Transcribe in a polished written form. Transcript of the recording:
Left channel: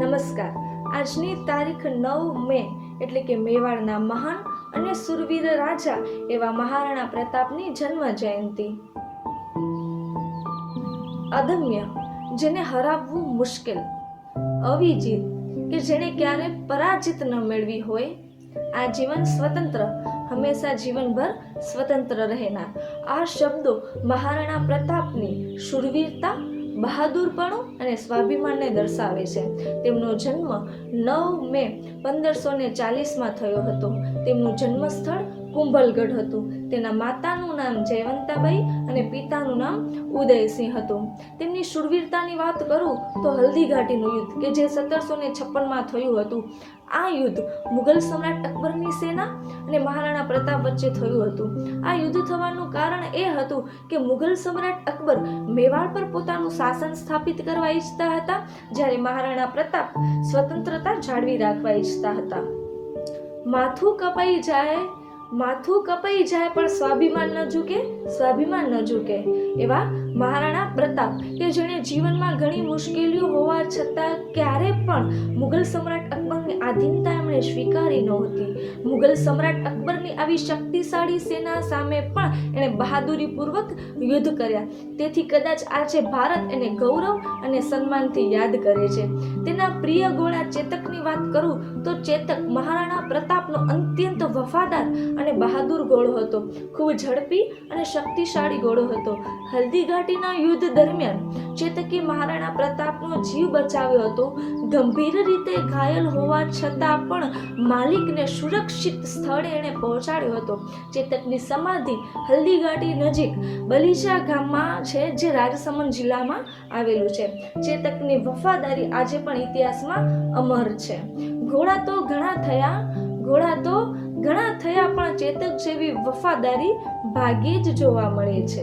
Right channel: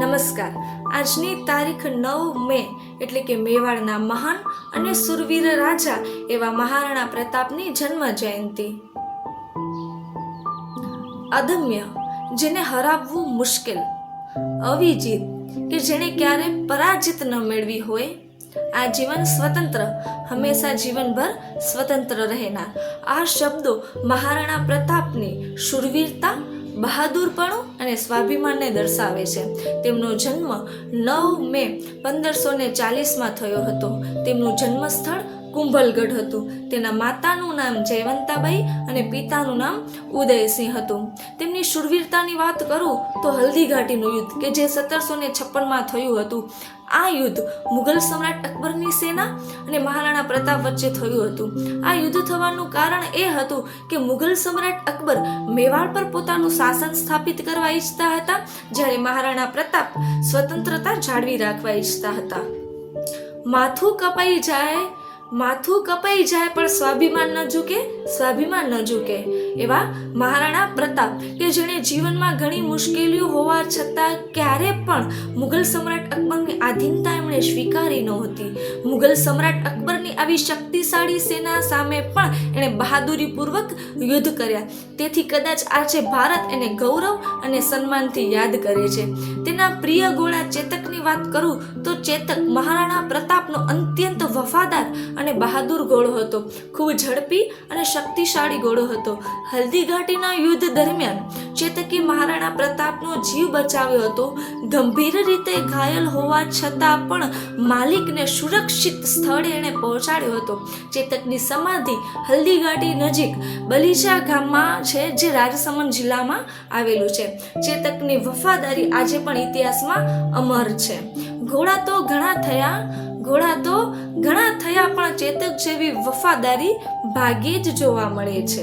નમસ્કાર. આજની તારીખ 9 મે એટલે કે મેવાડના મહાન અને સુરવીર રાજા એવા મહારાણા પ્રતાપની જન્મ જયંતિ. અદમ્ય, જેને હરાવવું મુશ્કેલ. અવિજિત, કે જેણે ક્યારે પરાજિત ન મેળવી હોય. આજીવન સ્વતંત્ર, હંમેશા જીવનભર સ્વતંત્ર રહેનાર. આ શબ્દો મહારાણા પ્રતાપની શૂરવીરતા, બહાદુરપણું અને સ્વાભિમાનને દર્શાવે છે. તેમનો જન્મ 9 મે 1540માં થયો હતો. તેમનું જન્મસ્થળ કુંભલગઢ હતું. તેના માતાનું નામ જયવંતાબાઈ અને પિતાનું નામ ઉદયસિંહ હતું. તેમની શૂરવીરતાની વાત કરું તો હલ્દીઘાટીનું યુદ્ધ કે જે 1756માં થયું હતું. આ યુદ્ધ મુઘલ સમ્રાટ અકબરની સેના અને મહારાણા પ્રતાપ વચ્ચે થયું હતું. આ યુદ્ધ થવાનું કારણ એ હતું કે મુઘલ સમ્રાટ અકબર મેવાડ પર પોતાનું શાસન સ્થાપિત કરવા ઈચ્છતા હતા, જ્યારે મહારાણા પ્રતાપ સ્વતંત્રતા જાળવી રાખવા ઈચ્છતા હતા. માથું કપાઈ જાય પણ સ્વાભિમાન ન ઝૂકે એવા મહારાણા પ્રતાપ કે જેણે જીવનમાં ઘણી મુશ્કેલીઓ હોવા છતાં ક્યારે પણ મુઘલ સમ્રાટ અકબરની આધીનતા એમણે સ્વીકારી નહોતી. મુઘલ સમ્રાટ અકબરની આવી શક્તિશાળી સેના સામે પણ એણે બહાદુરીપૂર્વક યુદ્ધ કર્યા. તેથી કદાચ આજે ભારત એને ગૌરવ અને સન્માનથી યાદ કરે છે. તેના પ્રિય ઘોડા ચેતકની વાત કરું તો ચેતક મહારાણા પ્રતાપનો અત્યંત વફાદાર અને બહાદુર ઘોડો હતો. ખૂબ ઝડપી અને શક્તિશાળી ઘોડો હતો. હલ્દીઘાટીના યુદ્ધ દરમિયાન ચેતકે મહારાણા પ્રતાપનો જીવ બચાવ્યો હતો. ગંભીર રીતે ઘાયલ હોવા છતાં પણ માલિકને સુરક્ષિત સ્થળે એણે પહોંચાડ્યો હતો. ચેતકની સમાધિ હલ્દીઘાટી નજીક બલીજા ગામમાં છે, જે રાજસમંદ જિલ્લામાં આવેલું છે. ચેતકની વફાદારી આજે પણ ઇતિહાસમાં અમર છે. ઘોડા તો ઘણા થયા પણ ચેતક જેવી વફાદારી ભાગ્યે જ જોવા મળે છે.